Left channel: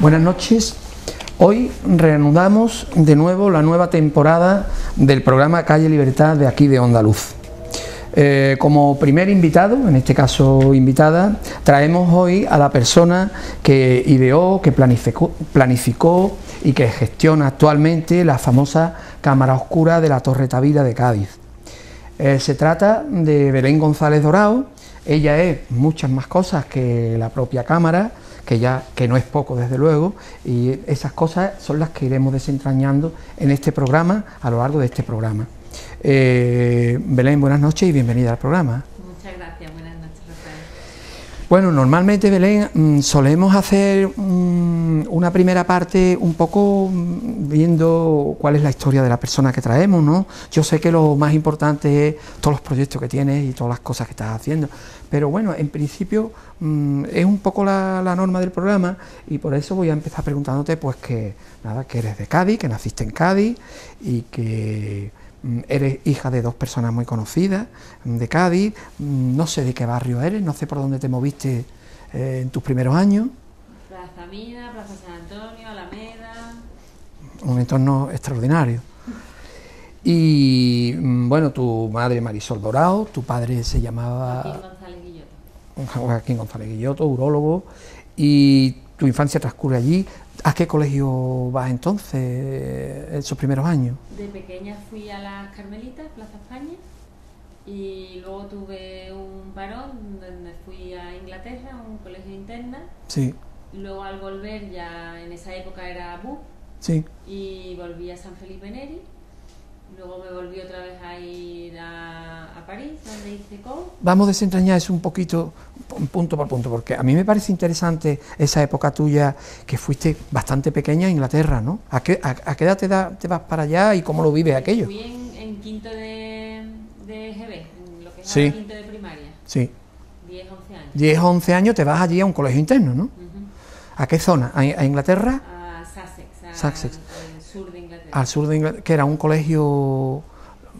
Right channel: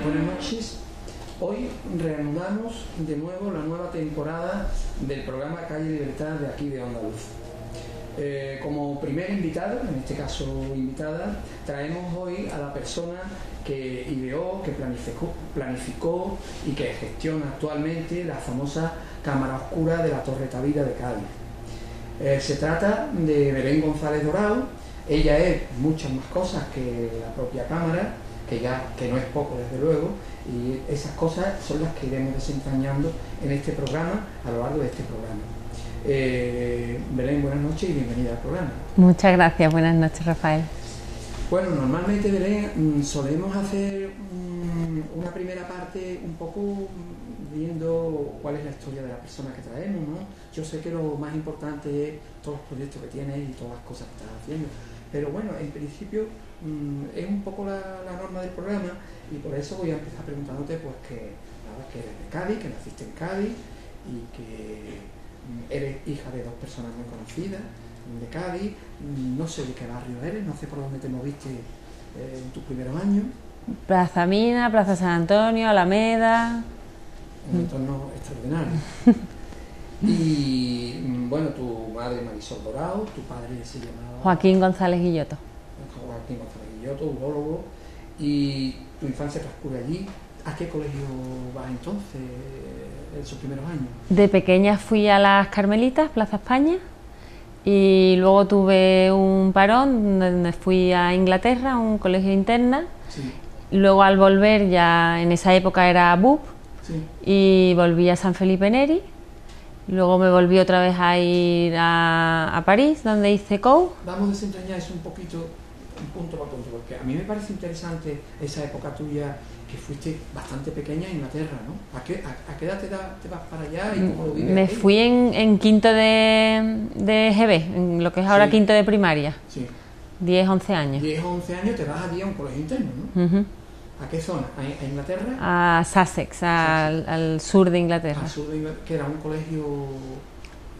Buenas noches. Hoy reanudamos de nuevo la nueva temporada del programa Calle Libertad de aquí de Onda Luz. Como primer invitado, en este caso invitada, traemos hoy a la persona que ideó, que planificó y que gestiona actualmente la famosa Cámara Oscura de la Torre Tavira de Cádiz. Se trata de Belén González Dorao. Ella es muchas más cosas que la propia cámara, que no es poco desde luego, y esas cosas son las que iremos desentrañando en este programa, a lo largo de este programa. Belén, buenas noches y bienvenida al programa. Muchas gracias, buenas noches, Rafael. Bueno, normalmente, Belén, solemos hacer una primera parte un poco viendo cuál es la historia de la persona que traemos, ¿no? Yo sé que lo más importante es todos los proyectos que tienes y todas las cosas que estás haciendo, pero bueno, en principio es un poco la norma del programa, y por eso voy a empezar preguntándote pues que eres de Cádiz, que naciste en Cádiz y que eres hija de dos personas muy conocidas de Cádiz. No sé de qué barrio eres, no sé por dónde te moviste en tus primeros años. Plaza Mina, Plaza San Antonio, Alameda. Un entorno extraordinario. Y bueno, tu madre Marisol Dorao, tu padre se llamaba Joaquín González Guilloto. Joaquín González Guilloto, urólogo, y tu infancia transcurre allí. ¿A qué colegio vas entonces, en sus primeros años? De pequeña fui a las Carmelitas, Plaza España, y luego tuve un parón donde fui a Inglaterra, a un colegio interna. Sí. Luego al volver, ya en esa época era BUP, Sí. y volví a San Felipe Neri. Luego me volví otra vez a ir a París, donde hice COU. Vamos a desentrañar eso un poquito, punto por punto, porque a mí me parece interesante esa época tuya, que fuiste bastante pequeña a Inglaterra, ¿no? ¿A qué edad te vas para allá y cómo lo vives aquello? Me fui en quinto de GB, en lo que es ahora Sí. quinto de primaria. Sí. 10, 11 años. 10 o 11 años te vas allí a un colegio interno, ¿no? Uh-huh. ¿A qué zona? ¿A Inglaterra? A Sussex, al sur de Inglaterra. Al sur de Inglaterra, que era un colegio...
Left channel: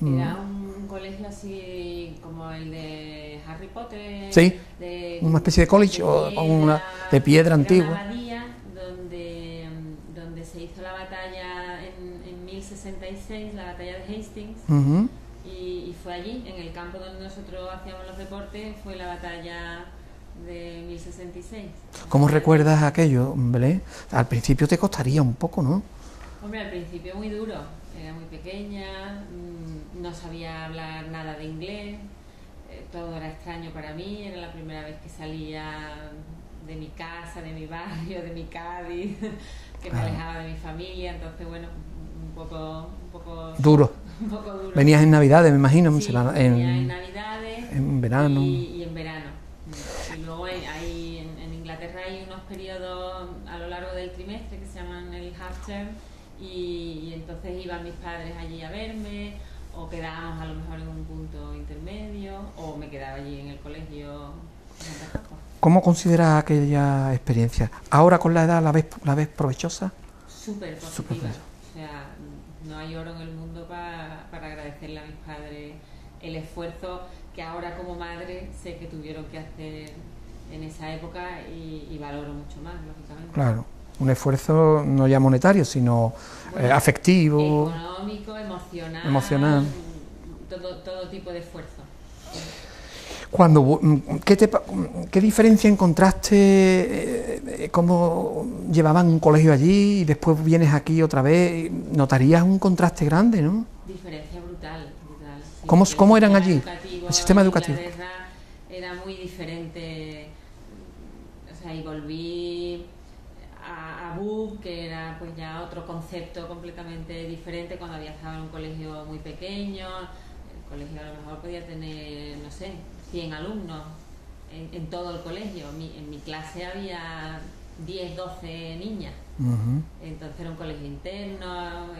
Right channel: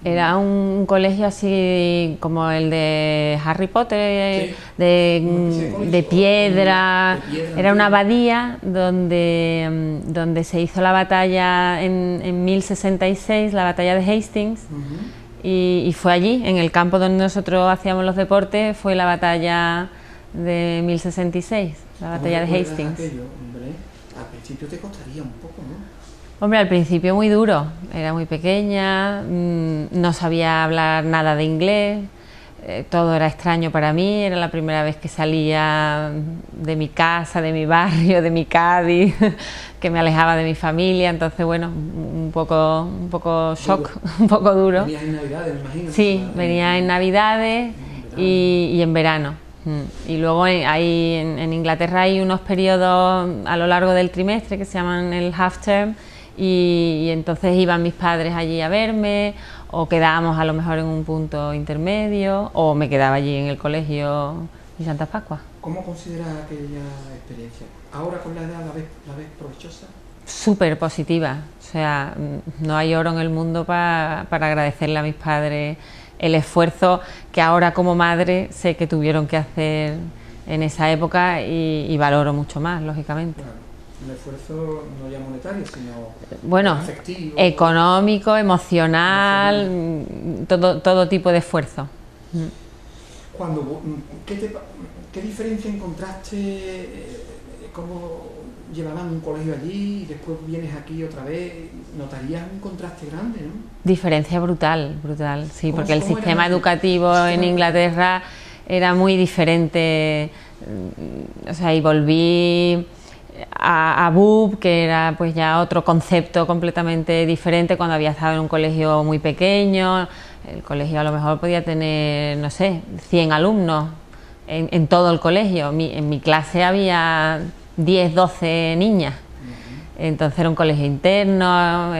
Era un colegio así como el de Harry Potter, Sí, una especie de college, de piedra. de piedra Era antigua. una abadía donde se hizo la batalla en 1066, la batalla de Hastings. Uh-huh. Y fue allí, en el campo donde nosotros hacíamos los deportes, fue la batalla de 1066. ¿Cómo recuerdas aquello, Belén? Al principio te costaría un poco, ¿no? Hombre, al principio muy duro, era muy pequeña, no sabía hablar nada de inglés, todo era extraño para mí, era la primera vez que salía de mi casa, de mi barrio, de mi Cádiz, que me alejaba de mi familia, entonces bueno, un poco shock, duro. Un poco duro. Venías en Navidades, me imagino. Sí, venía en Navidades en verano. y en verano. Y luego ahí en Inglaterra hay unos periodos a lo largo del trimestre que se llaman el half term, y entonces iban mis padres allí a verme, o quedábamos a lo mejor en un punto intermedio, o me quedaba allí en el colegio en Santa Facua. ¿Cómo consideras aquella experiencia? ¿Ahora con la edad la ves provechosa? Súper positiva, o sea, no hay oro en el mundo para agradecerle a mis padres el esfuerzo que ahora como madre sé que tuvieron que hacer en esa época, y valoro mucho más, lógicamente. Claro, un esfuerzo no ya monetario, sino afectivo, económico, emocional. Todo tipo de esfuerzo. ¿Qué diferencia encontraste? ¿Cómo llevaban un colegio allí y después vienes aquí otra vez? ¿Notarías un contraste grande, no? Diferencia brutal, sí, ¿Cómo porque el sistema educativo en Inglaterra era muy diferente. O sea, y volví a BUP, que era pues ya otro concepto completamente diferente, cuando había estado en un colegio muy pequeño. El colegio a lo mejor podía tener, no sé, 100 alumnos en todo el colegio. En mi clase había 10, 12 niñas. Uh-huh. Entonces era un colegio interno,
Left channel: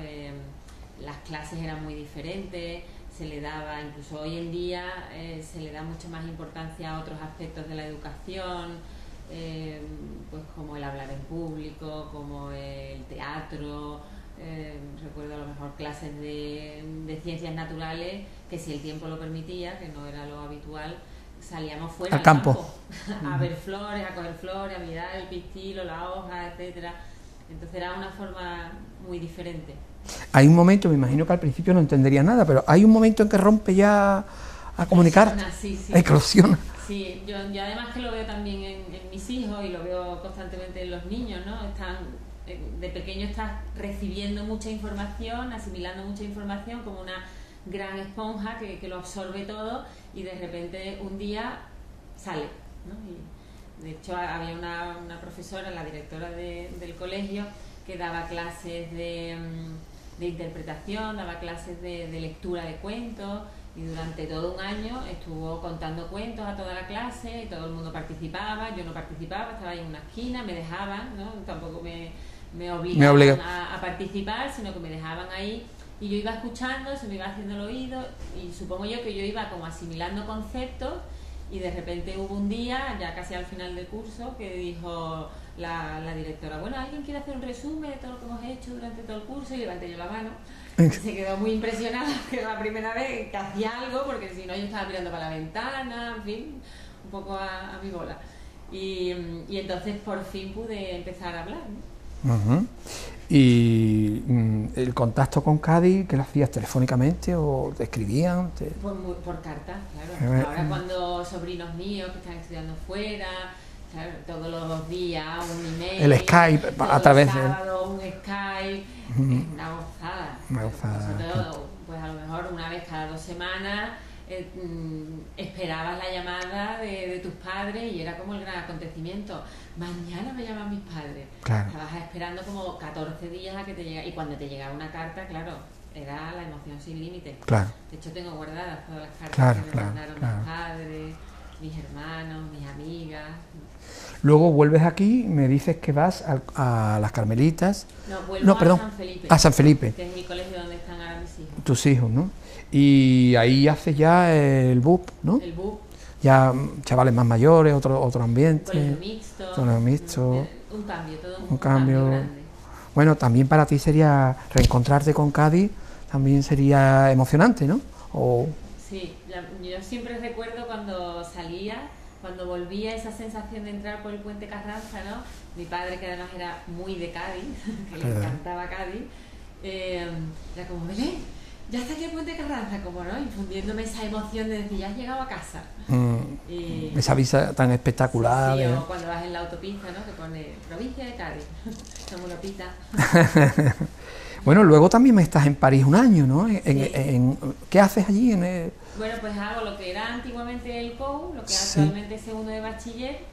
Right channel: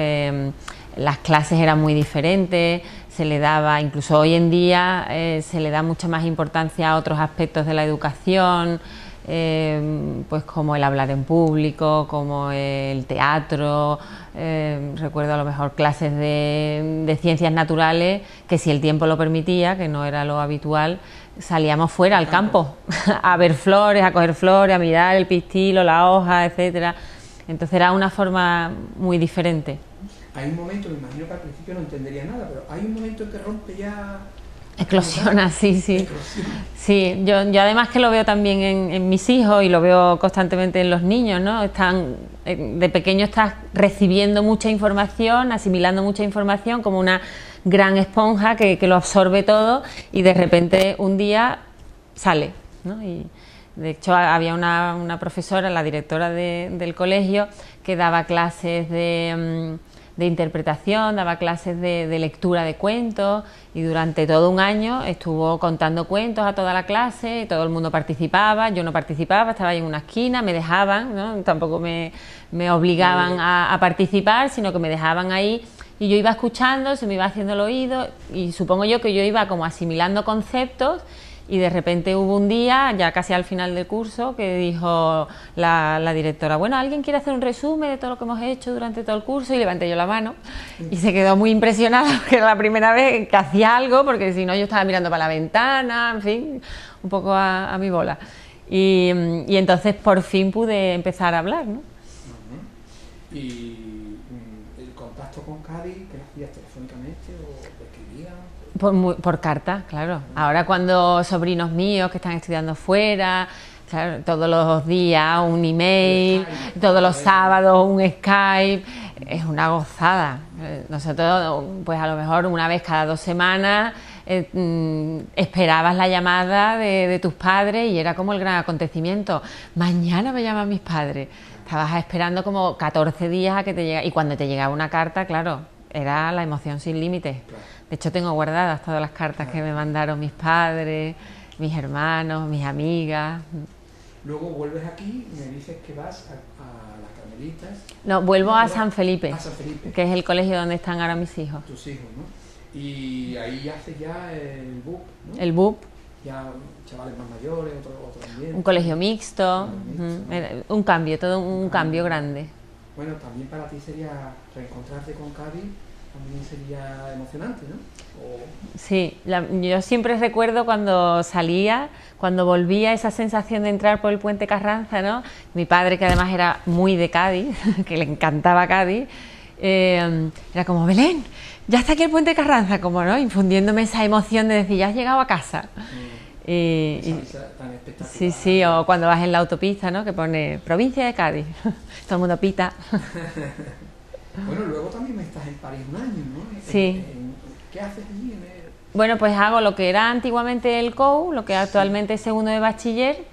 las clases eran muy diferentes, se le daba, incluso hoy en día, se le da mucha más importancia a otros aspectos de la educación, pues como el hablar en público, como el teatro. Recuerdo a lo mejor clases de ciencias naturales que, si el tiempo lo permitía, que no era lo habitual, salíamos fuera al campo a ver flores, a coger flores, a mirar el pistilo, la hoja, etcétera. Entonces era una forma muy diferente. Hay un momento, me imagino que al principio no entendería nada, pero hay un momento en que rompe ya a comunicar. Sí. Eclosiona. Sí, yo además que lo veo también en mis hijos y lo veo constantemente en los niños, ¿no? De pequeño estás recibiendo mucha información, asimilando mucha información como una gran esponja que lo absorbe todo y de repente un día sale, ¿no? Y de hecho había una profesora, la directora del colegio, que daba clases de interpretación, daba clases de lectura de cuentos y durante todo un año estuvo contando cuentos a toda la clase, todo el mundo participaba, yo no participaba, estaba ahí en una esquina, me dejaban, ¿no? Tampoco me obligaban a participar, sino que me dejaban ahí y yo iba escuchando, se me iba haciendo el oído y supongo yo que yo iba como asimilando conceptos. Y de repente hubo un día, ya casi al final del curso, que dijo la directora, bueno, ¿alguien quiere hacer un resumen de todo lo que hemos hecho durante todo el curso? Y levanté yo la mano y se quedó muy impresionada, que era la primera vez que hacía algo, porque si no yo estaba mirando para la ventana, en fin, un poco a mi bola. Y entonces por fin pude empezar a hablar, ¿no? Uh-huh. ¿Y el contacto con Cádiz, que lo hacías telefónicamente o te escribían? Por carta, claro. Ahora cuando sobrinos míos que están estudiando fuera, claro, todos los días un email, el Skype, todos los sábados un Skype, es una gozada. Nosotros, pues a lo mejor una vez cada 2 semanas esperabas la llamada de tus padres y era como el gran acontecimiento. Mañana me llaman mis padres. Claro. Estabas esperando como 14 días a que te llegara. Y cuando te llegaba una carta, claro, era la emoción sin límites. Claro. De hecho, tengo guardadas todas las cartas que me mandaron mis padres, mis hermanos, mis amigas. Luego vuelves aquí, me dices que vas a las Carmelitas. No, vuelvo a San Felipe. A San Felipe. Que es el colegio donde están ahora mis hijos. Tus hijos, ¿no? Y ahí haces ya el BUP, ¿no? El BUP. Ya chavales más mayores, otro ambiente. Un colegio mixto. Un cambio, todo un cambio grande. Bueno, también para ti sería reencontrarte con Cádiz, también sería emocionante, ¿no? Sí, yo siempre recuerdo cuando salía, cuando volvía, esa sensación de entrar por el puente Carranza, ¿no? Mi padre, que además era muy de Cádiz, que le encantaba Cádiz, era como, Belén, ya está aquí el puente Carranza, como, ¿no? Infundiéndome esa emoción de decir, ya has llegado a casa. Esa vista tan espectacular. Sí, o cuando vas en la autopista, ¿no? Que pone provincia de Cádiz, todo el mundo pita. Bueno, luego también estás en París un año, ¿no? Sí. ¿Qué haces allí? Bueno, pues hago lo que era antiguamente el COU, lo que actualmente es segundo de bachiller.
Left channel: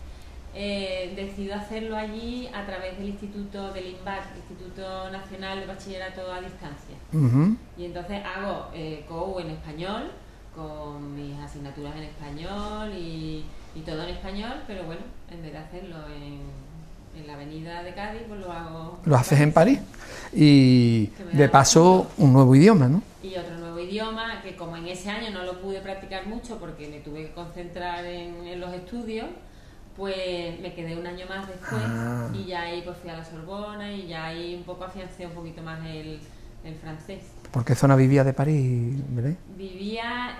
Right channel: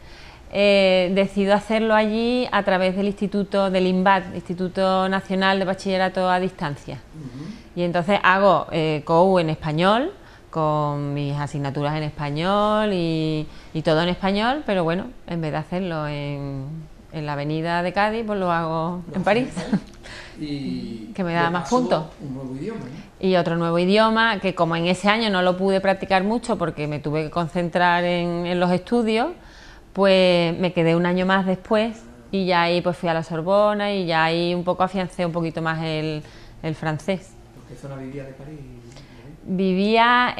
Decido hacerlo allí a través del instituto del INBAD, Instituto Nacional de Bachillerato a Distancia. Y entonces hago COU en español, con mis asignaturas en español y todo en español, pero bueno, en vez de hacerlo en la avenida de Cádiz, pues lo hago en París. En París. Y de paso un nuevo idioma, ¿no? Y otro nuevo idioma, que como en ese año no lo pude practicar mucho porque me tuve que concentrar en los estudios, pues me quedé un año más después y ya ahí pues fui a la Sorbona y ya ahí un poco afiancé un poquito más el francés. ¿Por qué zona vivía de París, Belén? Vivía,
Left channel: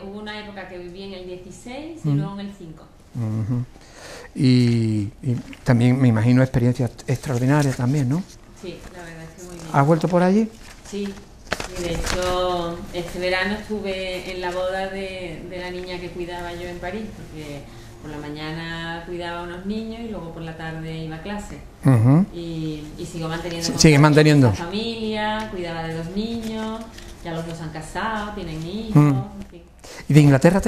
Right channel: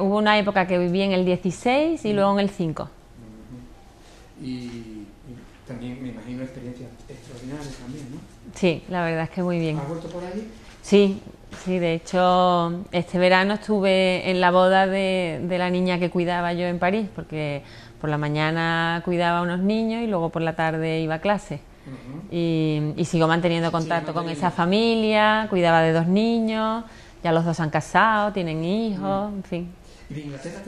hubo una época que viví en el 16 y luego en el 5. Y también me imagino experiencias extraordinarias también, ¿no? Sí, la verdad es que muy bien. ¿Has vuelto por allí? Sí, de hecho este verano estuve en la boda de la niña que cuidaba yo en París, porque por la mañana cuidaba a unos niños y luego por la tarde iba a clase. Y sigo manteniendo contacto con esa familia, cuidaba de 2 niños, ya los 2 han casado, tienen hijos, en fin. ¿Y de Inglaterra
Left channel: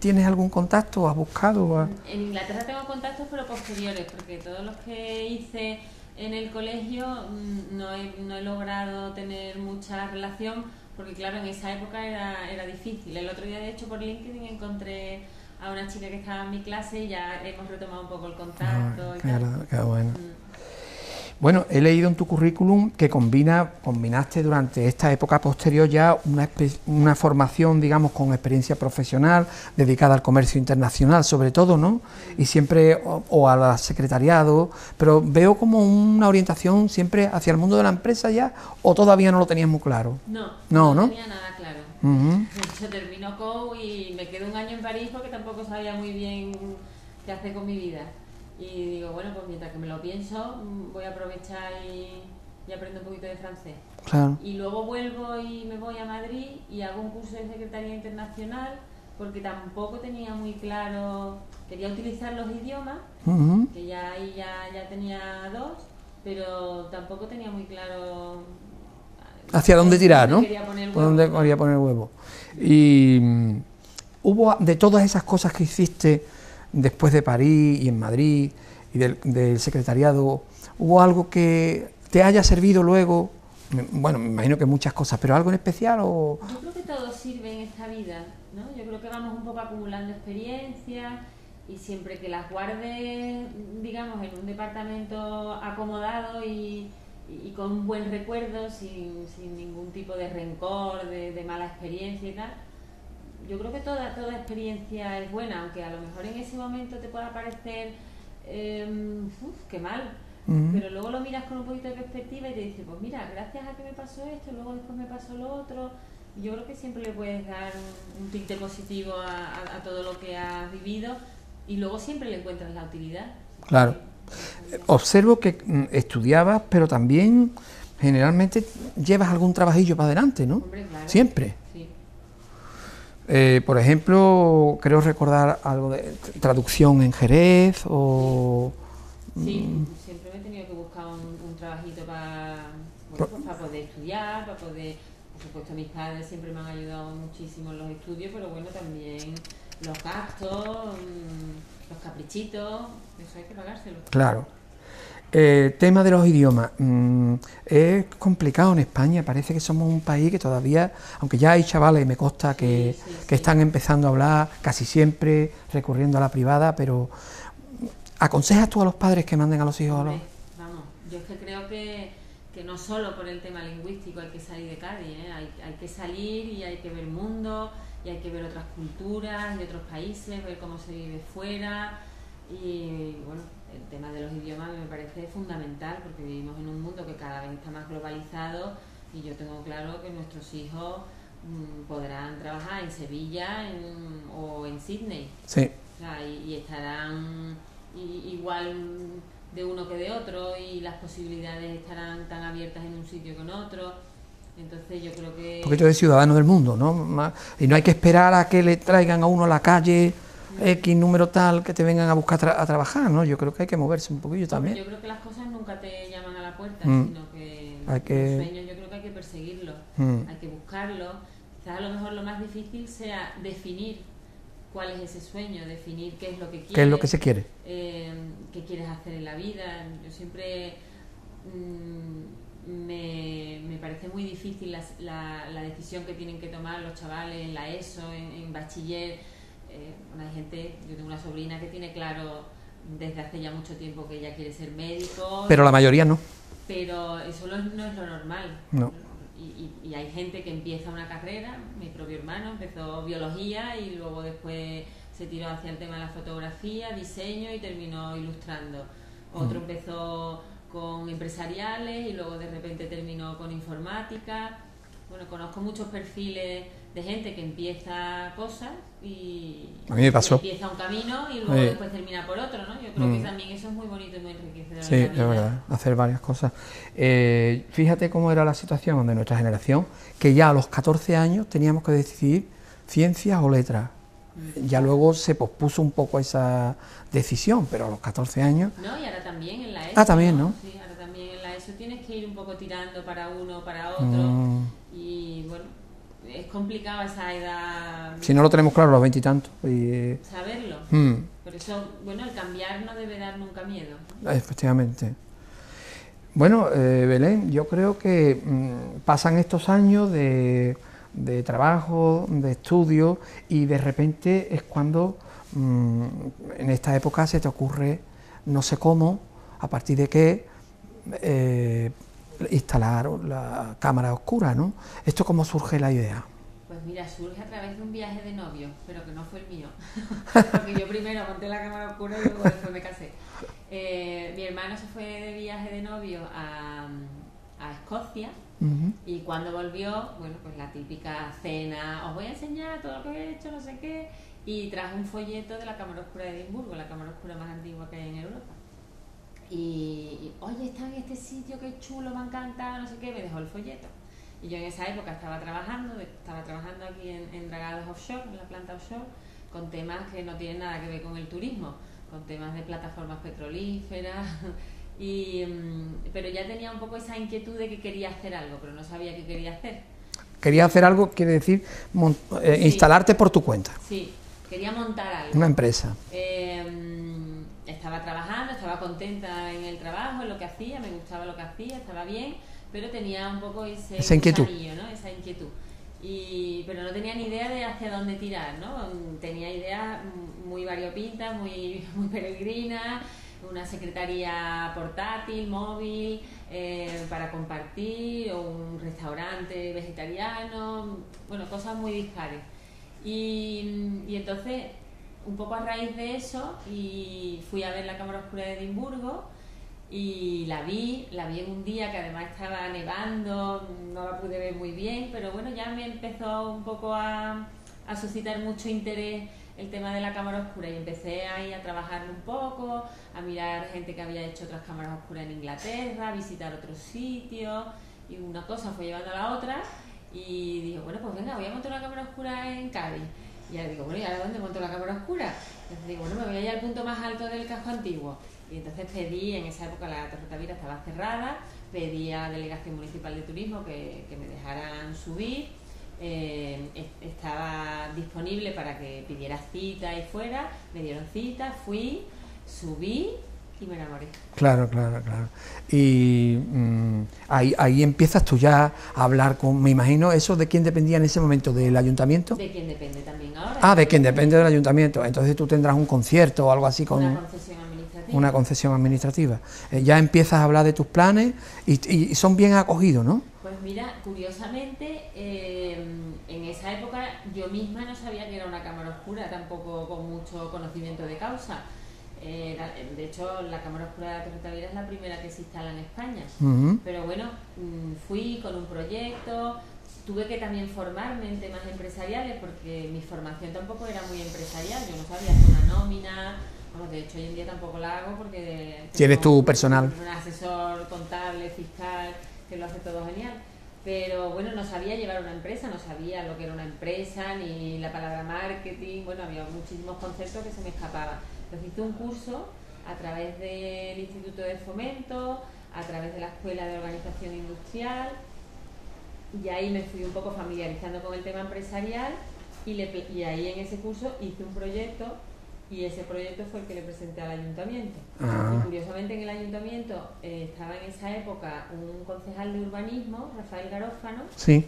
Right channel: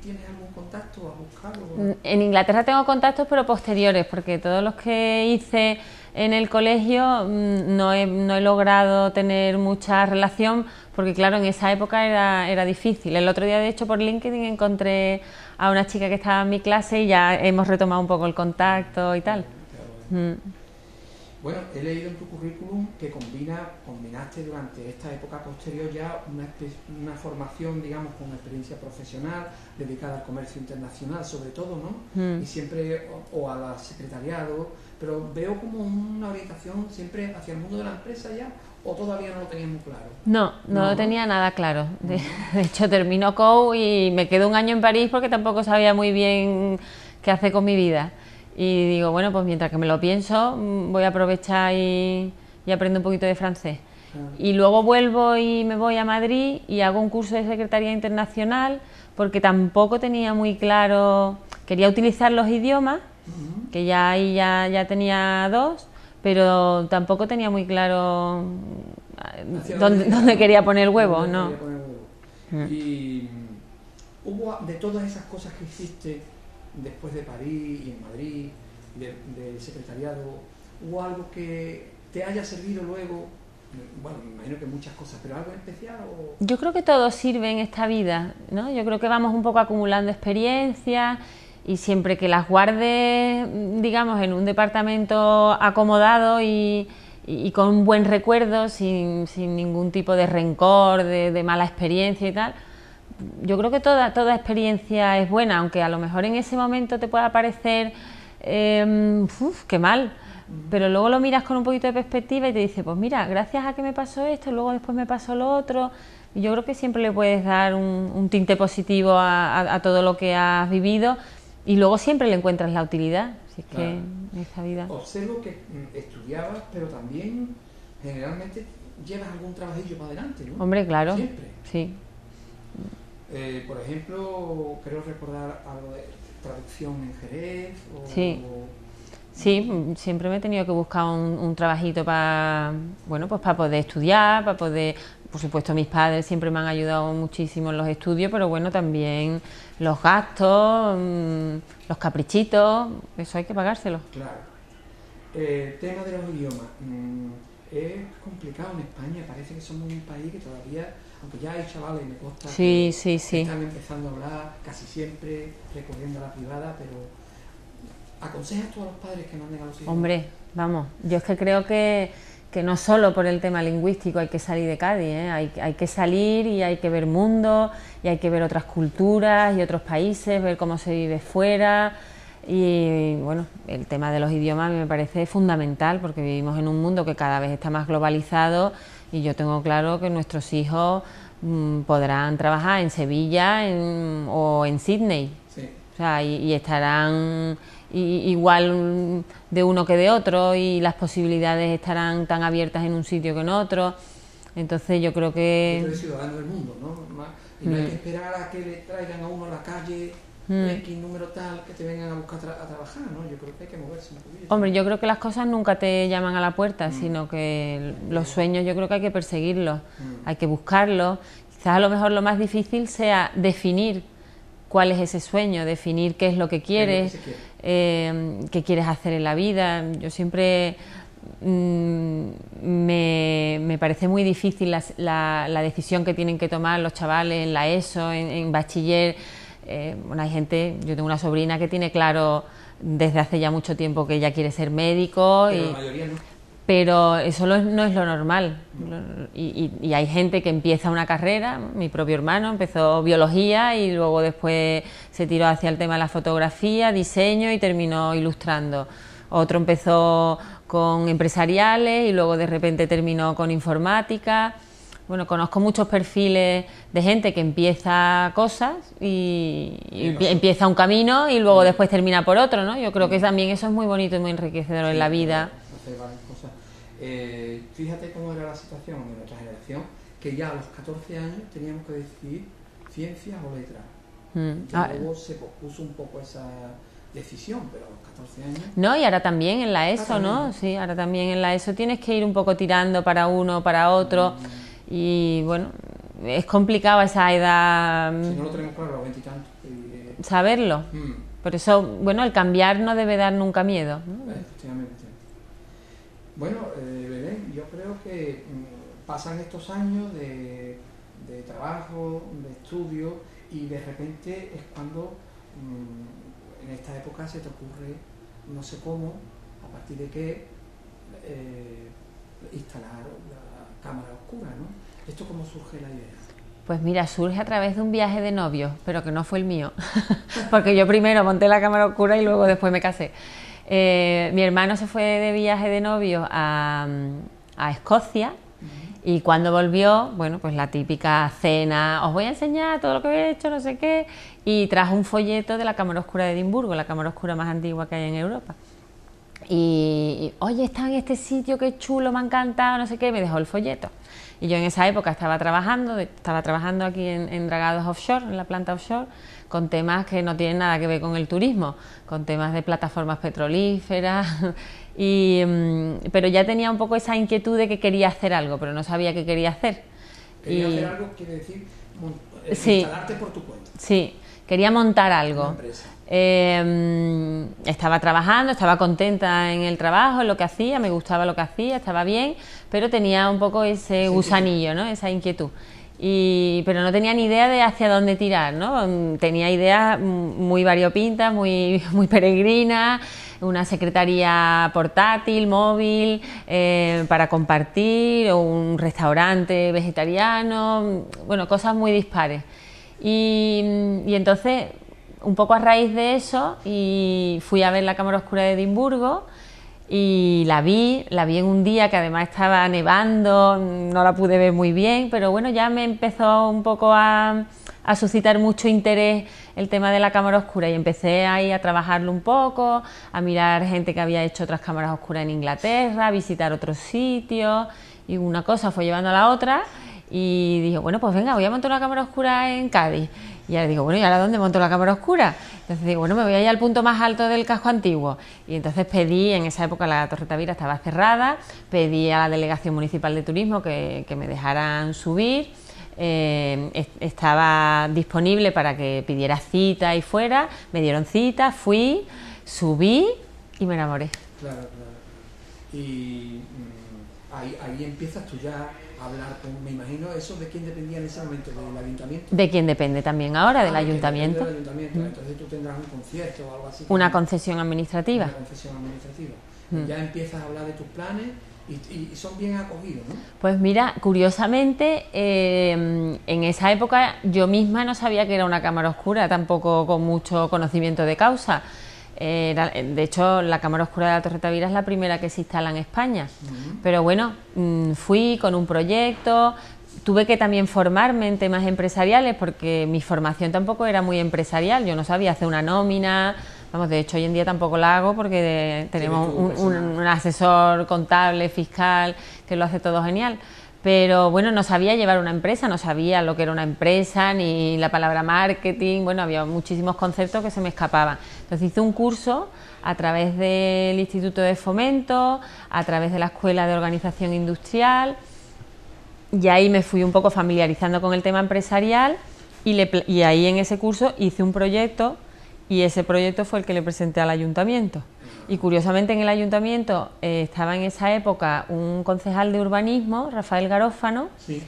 tienes algún contacto? ¿Has buscado? En Inglaterra tengo contactos, pero posteriores, porque todos los que hice en el colegio no he logrado tener mucha relación, porque claro, en esa época era difícil. El otro día, de hecho, por LinkedIn encontré a una chica que estaba en mi clase y ya hemos retomado un poco el contacto y tal. Qué bueno. Bueno, he leído en tu currículum que combinaste durante esta época posterior ya una formación, digamos, con experiencia profesional, dedicada al comercio internacional, sobre todo, ¿no? Y siempre, o al secretariado, pero veo como una orientación siempre hacia el mundo de la empresa ya, o todavía no lo tenías muy claro. No tenía nada claro. De hecho, terminó COU y me quedo un año en París porque tampoco sabía muy bien qué hacer con mi vida. Y digo, bueno, pues mientras que me lo pienso, voy a aprovechar y aprendo un poquito de francés. Claro. Y luego vuelvo y me voy a Madrid y hago un curso de Secretaría Internacional porque tampoco tenía muy claro, quería utilizar los idiomas, que ya ahí ya tenía 2, pero tampoco tenía muy claro hacia dónde tirar, dónde ¿no? quería poner el huevo. ¿Dónde quería poner el huevo? Y hubo, de todas esas cosas que hiciste después de París y en Madrid y del secretariado, ¿hubo algo que te haya servido luego? Bueno, me imagino que muchas cosas, pero ¿algo en especial? O... Yo creo que todo sirve en esta vida, ¿no? Yo creo que vamos un poco acumulando experiencias y siempre que las guardes, digamos, en un departamento acomodado y con un buen recuerdo, sin ningún tipo de rencor, de mala experiencia y tal. Yo creo que toda experiencia es buena, aunque a lo mejor en ese momento te pueda parecer qué mal, pero luego lo miras con un poquito de perspectiva y te dices, pues mira, gracias a que me pasó esto, luego después me pasó lo otro, y yo creo que siempre le puedes dar un tinte positivo a todo lo que has vivido y luego siempre le encuentras la utilidad. Así claro. Que en esta vida. Observo que estudiabas, pero también generalmente llevas algún trabajillo para adelante, ¿no? Hombre, claro. Siempre. Sí. Por ejemplo, creo recordar algo de traducción en Jerez o... Sí, siempre me he tenido que buscar un trabajito para, bueno, pues para poder estudiar, para poder, por supuesto mis padres siempre me han ayudado muchísimo en los estudios, pero bueno, también los gastos, los caprichitos, eso hay que pagárselos. Claro. Tema de los idiomas, es complicado en España, parece que somos un país que todavía, aunque ya hay chavales, me consta que están empezando a hablar casi siempre, recurriendo a la privada, pero ¿aconsejas tú a los padres que manden a los hijos? Hombre, vamos, yo es que creo que no solo por el tema lingüístico hay que salir de Cádiz, ¿eh? Hay que salir y hay que ver mundo, y hay que ver otras culturas y otros países, ver cómo se vive fuera. Y bueno, el tema de los idiomas a mí me parece fundamental porque vivimos en un mundo que cada vez está más globalizado y yo tengo claro que nuestros hijos podrán trabajar en Sevilla o en Sydney. Sí. O sea, y estarán igual de uno que de otro y las posibilidades estarán tan abiertas en un sitio que en otro. Entonces yo creo que... Un poquito de ciudadano del mundo, ¿no? Y no hay que esperar a que le traigan a uno a la calle X número tal que te vengan a buscar a trabajar, ¿no? Yo creo que hay que moverse un poquillo también. Hombre, yo creo que las cosas nunca te llaman a la puerta, sino que los sueños yo creo que hay que perseguirlos, hay que buscarlos. Quizás a lo mejor lo más difícil sea definir cuál es ese sueño, definir qué es lo que quieres, qué es lo que se quiere, qué quieres hacer en la vida. Yo siempre me parece muy difícil la decisión que tienen que tomar los chavales en la ESO, en bachiller. Bueno, hay gente, yo tengo una sobrina que tiene claro desde hace ya mucho tiempo que ella quiere ser médico. Pero la mayoría no. Pero eso no es lo normal. No. Y hay gente que empieza una carrera, mi propio hermano empezó biología y luego después se tiró hacia el tema de la fotografía, diseño y terminó ilustrando. Otro empezó con empresariales y luego de repente terminó con informática. Bueno, conozco muchos perfiles de gente que empieza cosas y empieza un camino y luego después termina por otro, ¿no? Yo creo que también eso es muy bonito y muy enriquecedor en la vida. Hacer varias cosas. Fíjate cómo era la situación de nuestra generación, que ya a los 14 años teníamos que decidir ciencias o letras. Ya luego se pospuso un poco esa decisión, pero a los 14 años... No, y ahora también en la ESO, también, ¿no? ¿no? Sí, ahora también en la ESO tienes que ir un poco tirando para uno, para otro, y bueno, es complicado esa edad... Si no lo tenemos claro a los 20 y tantos. Saberlo. Por eso, bueno, el cambiar no debe dar nunca miedo, ¿no? Efectivamente. Bueno, Belén, yo creo que pasan estos años de trabajo, de estudio, y de repente es cuando en esta época se te ocurre, no sé cómo, a partir de qué, instalar la cámara oscura, ¿no? ¿Esto cómo surge la idea? Pues mira, surge a través de un viaje de novios, pero que no fue el mío, porque yo primero monté la cámara oscura y luego después me casé. Mi hermano se fue de viaje de novios a Escocia. Y cuando volvió, bueno, pues la típica cena, os voy a enseñar todo lo que he hecho, no sé qué, y trajo un folleto de la cámara oscura de Edimburgo, la cámara oscura más antigua que hay en Europa. Y oye, está en este sitio, qué chulo, me ha encantado, no sé qué, me dejó el folleto. Y yo en esa época estaba trabajando aquí en Dragados Offshore, en la planta offshore, con temas que no tienen nada que ver con el turismo, con temas de plataformas petrolíferas. Pero ya tenía un poco esa inquietud de que quería hacer algo, pero no sabía qué quería hacer. Quería hacer algo, quiere decir sí, instalarte por tu cuenta. Sí, quería montar algo. Una empresa. Estaba trabajando, estaba contenta en el trabajo, en lo que hacía, me gustaba lo que hacía, estaba bien, pero tenía un poco ese gusanillo, ¿no? Esa inquietud. Pero no tenía ni idea de hacia dónde tirar, ¿no? Tenía ideas muy variopintas, muy peregrinas, una secretaría portátil, móvil, para compartir, o un restaurante vegetariano, bueno, cosas muy dispares. Y entonces, un poco a raíz de eso, y fui a ver la cámara oscura de Edimburgo, y la vi en un día que además estaba nevando, no la pude ver muy bien, pero bueno, ya me empezó un poco a suscitar mucho interés el tema de la cámara oscura, y empecé ahí a trabajarlo un poco, a mirar gente que había hecho otras cámaras oscuras en Inglaterra, a visitar otros sitios, y una cosa fue llevando a la otra, y dije, bueno, pues venga, voy a montar una cámara oscura en Cádiz. Y ahora digo, bueno, ¿y ahora dónde monto la cámara oscura? Entonces digo, bueno, me voy a ir al punto más alto del casco antiguo. Y entonces pedí, en esa época la Torre Tavira estaba cerrada, pedí a la Delegación Municipal de Turismo que me dejaran subir. Estaba disponible para que pidiera cita y fuera, me dieron cita, fui, subí y me enamoré. Claro. Y ahí empiezas tú ya a hablar con, me imagino, ¿eso de quién dependía en ese momento? ¿Del ayuntamiento? De quién depende también ahora. De quién depende del ayuntamiento. Entonces tú tendrás un concierto o algo así como... Una concesión administrativa. Una concesión administrativa. Ya empiezas a hablar de tus planes y son bien acogidos, ¿no? Pues mira, curiosamente, en esa época yo misma no sabía que era una cámara oscura, tampoco con mucho conocimiento de causa. De hecho, la cámara oscura de la Torre Tavira es la primera que se instala en España. Pero bueno, fui con un proyecto, tuve que también formarme en temas empresariales, porque mi formación tampoco era muy empresarial, yo no sabía hacer una nómina, vamos, de hecho hoy en día tampoco la hago porque tenemos un asesor contable, fiscal, que lo hace todo genial. Pero bueno, no sabía llevar una empresa, no sabía lo que era una empresa, ni la palabra marketing, bueno, había muchísimos conceptos que se me escapaban. Entonces hice un curso a través del Instituto de Fomento, a través de la Escuela de Organización Industrial, y ahí me fui un poco familiarizando con el tema empresarial, y ahí en ese curso hice un proyecto, y ese proyecto fue el que le presenté al ayuntamiento. Y curiosamente en el ayuntamiento estaba en esa época un concejal de urbanismo, Rafael Garófano, sí,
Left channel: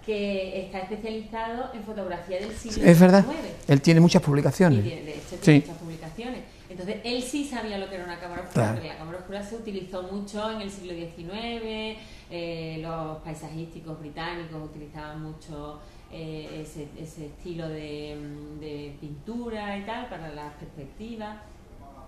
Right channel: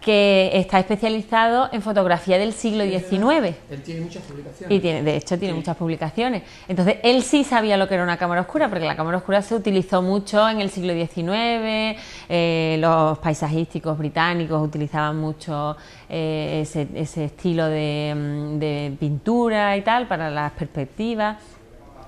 que está especializado en fotografía del siglo XIX. ¿Verdad? Él tiene muchas publicaciones. Y de hecho tiene muchas publicaciones. Entonces él sí sabía lo que era una cámara oscura, claro, porque la cámara oscura se utilizó mucho en el siglo XIX, los paisajísticos británicos utilizaban mucho ese estilo de pintura y tal para las perspectivas.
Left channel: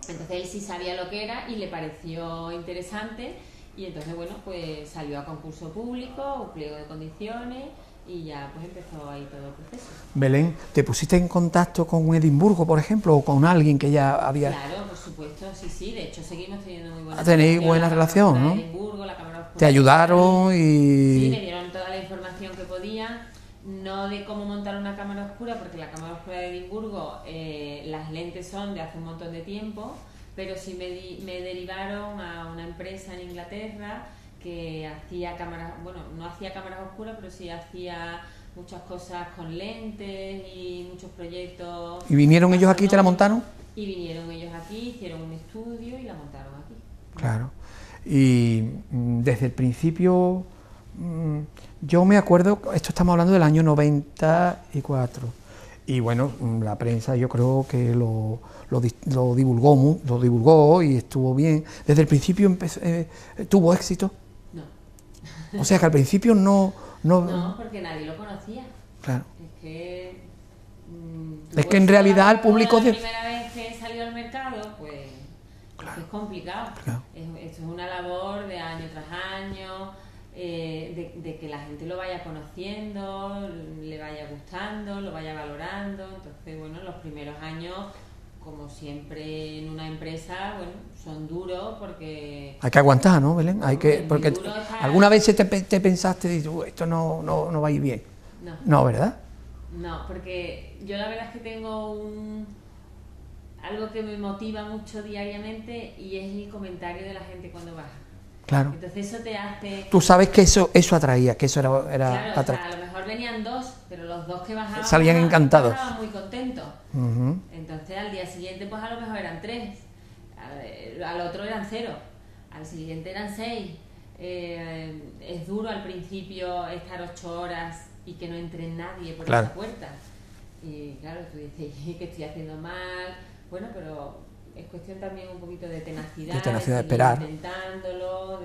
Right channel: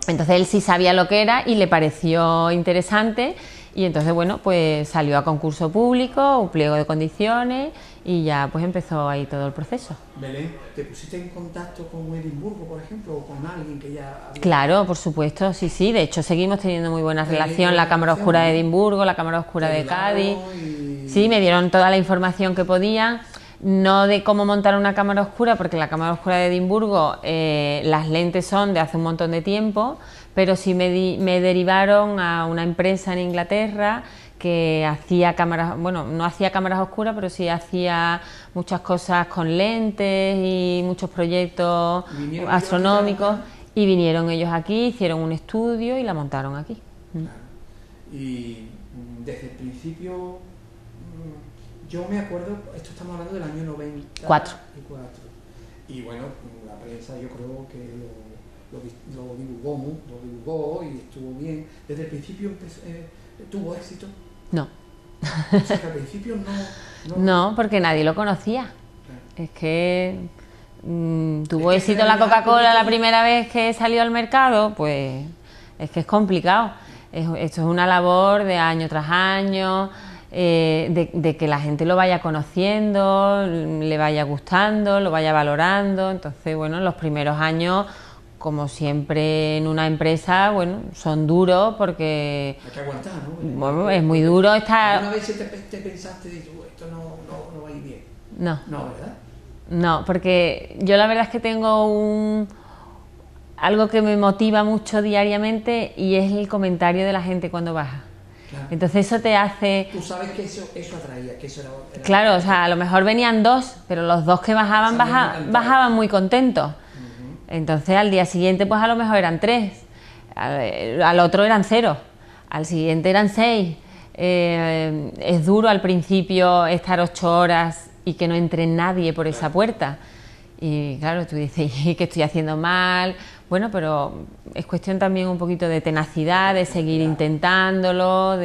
Entonces él sí sabía lo que era y le pareció interesante. Y entonces, bueno, pues salió a concurso público, un pliego de condiciones, y ya pues empezó ahí todo el proceso. Belén, ¿te pusiste en contacto con Edimburgo, por ejemplo, o con alguien que ya había...? Claro, por supuesto, sí, de hecho seguimos teniendo muy buena relación, la Cámara Oscura, ¿no?, de Edimburgo, la Cámara Oscura de Cádiz. ¿Te ayudaron? Sí, me dieron toda la información que podían, no de cómo montar una cámara oscura, porque la Cámara Oscura de Edimburgo, las lentes son de hace un montón de tiempo, pero sí me derivaron a una empresa en Inglaterra que hacía cámaras, bueno, no hacía cámaras oscuras, pero sí hacía muchas cosas con lentes y muchos proyectos. ¿Y vinieron ellos aquí y te la montaron? Y vinieron ellos aquí, hicieron un estudio y la montaron aquí. Claro. Y desde el principio, yo me acuerdo, esto estamos hablando del año 94, Y bueno, la prensa yo creo que lo divulgó y estuvo bien. Desde el principio tuvo éxito. No. O sea que al principio no... No, porque nadie lo conocía. Claro. Es que tuvo es que éxito la Coca-Cola la primera vez que salió al mercado, pues es que es complicado. Claro. Esto es una labor de año tras año, de que la gente lo vaya conociendo, le vaya gustando, lo vaya valorando. Entonces, bueno, en los primeros años, como siempre en una empresa, bueno, son duros porque... Hay que aguantar, ¿no, Belén? Bueno, es muy duro estar... ¿Alguna vez te pensaste, esto no va a ir bien? No. No, ¿verdad? No, porque yo la verdad es que tengo algo que me motiva mucho diariamente y es el comentario de la gente cuando baja. Claro. Entonces eso te hace... Tú sabes que eso atraía, que eso era claro, o sea, a lo mejor venían 2, pero los 2 que bajaban muy contentos. Entonces al día siguiente pues a lo mejor eran 3, al otro eran 0, al siguiente eran 6. Es duro al principio estar 8 horas y que no entre nadie por esa puerta. Y claro, tú dices, ¿qué estoy haciendo mal? Bueno, pero es cuestión también un poquito de tenacidad, de seguir intentándolo,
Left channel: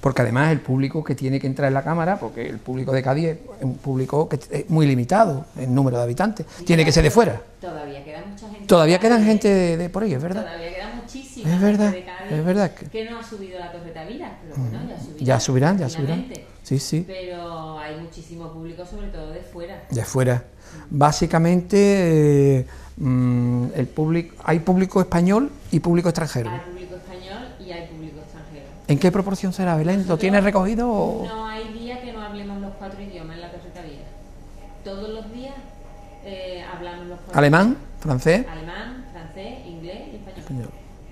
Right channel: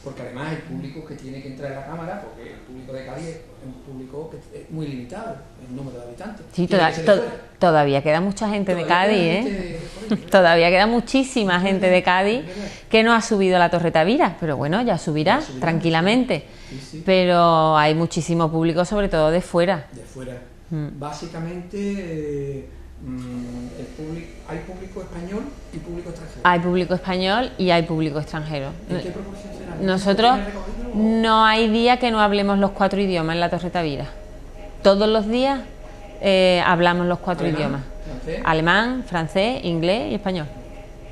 Porque además el público que tiene que entrar en la cámara, porque el público de Cádiz es un público que es muy limitado en número de habitantes, sí, tiene que ser de fuera. Todavía queda mucha gente todavía de Cádiz. Todavía queda gente de por ahí, ¿verdad? Todavía queda muchísima gente de Cádiz que no ha subido a la Torre Tavira, pero bueno, ya subirá tranquilamente. Sí, sí. Pero hay muchísimo público, sobre todo de fuera. De fuera. Básicamente... ¿hay público español y público extranjero? Hay público español y hay público extranjero. ¿En qué proporción será? ¿Nosotros, ¿lo tienes recogido? O? No hay día que no hablemos los 4 idiomas en la Torre Tavira. Todos los días hablamos los 4 idiomas. Alemán, francés, inglés y español.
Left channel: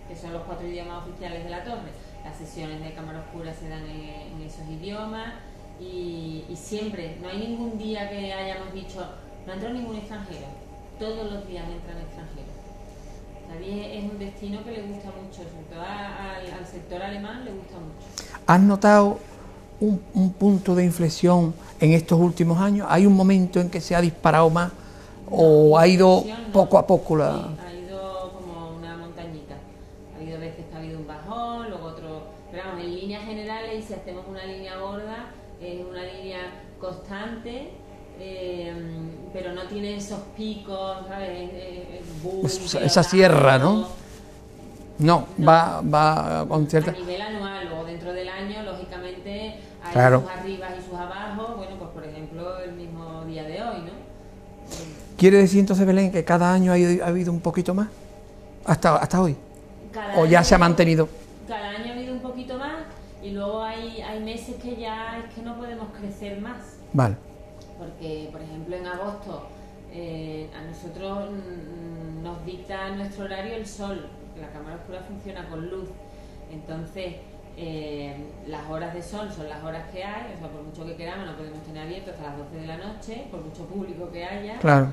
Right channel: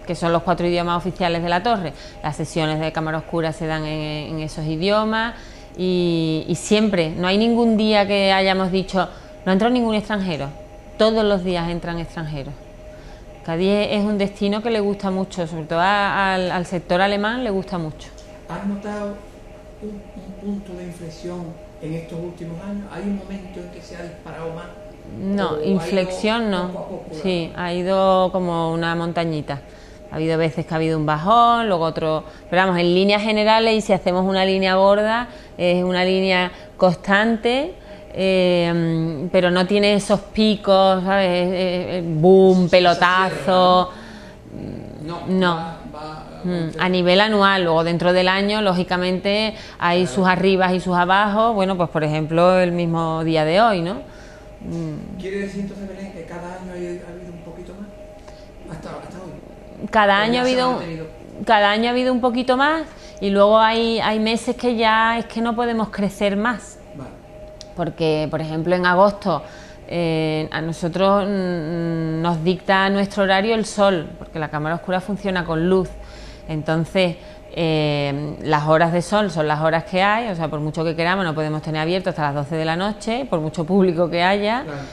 Que son los 4 idiomas oficiales de la torre. Las sesiones de cámara oscura se dan en esos idiomas y siempre, no hay ningún día que hayamos dicho, no entró ningún extranjero. Todos los días entran extranjeros. Cádiz es un destino que le gusta mucho, sobre todo al sector alemán le gusta mucho. ¿Has notado un punto de inflexión en estos últimos años? ¿Hay un momento en que se ha disparado más? No, ¿O ha ido no. poco a poco? Sí, ha ido como una montañita. Ha habido veces que ha habido un bajón, luego otro... Pero vamos, en líneas generales, y si hacemos una línea gorda, es una línea constante... pero no tiene esos picos, ¿sabes? Boom, pelotazo. Esa sierra, ¿no? No. Va a nivel anual. Luego dentro del año, lógicamente, hay sus arribas y sus abajos. Bueno, pues por ejemplo, el mismo día de hoy, ¿no? ¿Quiere decir entonces, Belén, que cada año ha habido un poquito más? ¿Hasta hoy? Cada año ya se ha mantenido. Cada año ha habido un poquito más y luego hay meses que ya es que no podemos crecer más. Vale. Porque, por ejemplo, en agosto a nosotros nos dicta nuestro horario el sol, porque la cámara oscura funciona con luz. Entonces, las horas de sol son las horas que hay, o sea, por mucho que queramos no podemos tener abierto hasta las 12 de la noche, por mucho público que haya. Claro.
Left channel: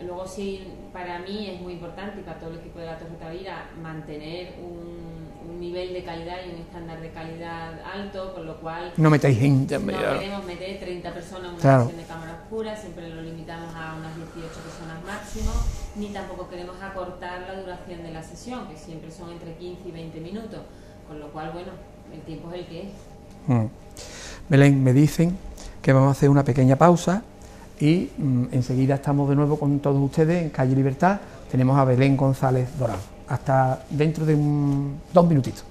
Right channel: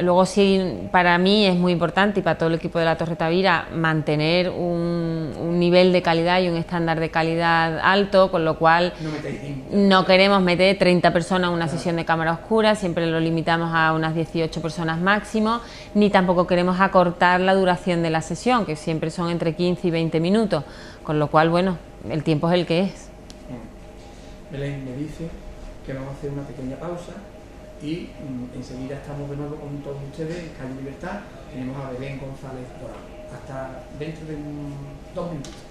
Luego sí, para mí es muy importante y para todo el equipo de la Torre Tavira mantener un nivel de calidad y un estándar de calidad alto, con lo cual no metáis gente, no queremos meter 30 personas en una sesión de cámara oscura, siempre lo limitamos a unas 18 personas máximo, ni tampoco queremos acortar la duración de la sesión, que siempre son entre 15 y 20 minutos, con lo cual, bueno, el tiempo es el que es. Belén, me dicen que vamos a hacer una pequeña pausa y enseguida estamos de nuevo con todos ustedes en Calle Libertad. Tenemos a Belén González Dorado. Hasta dentro de 2 minutitos.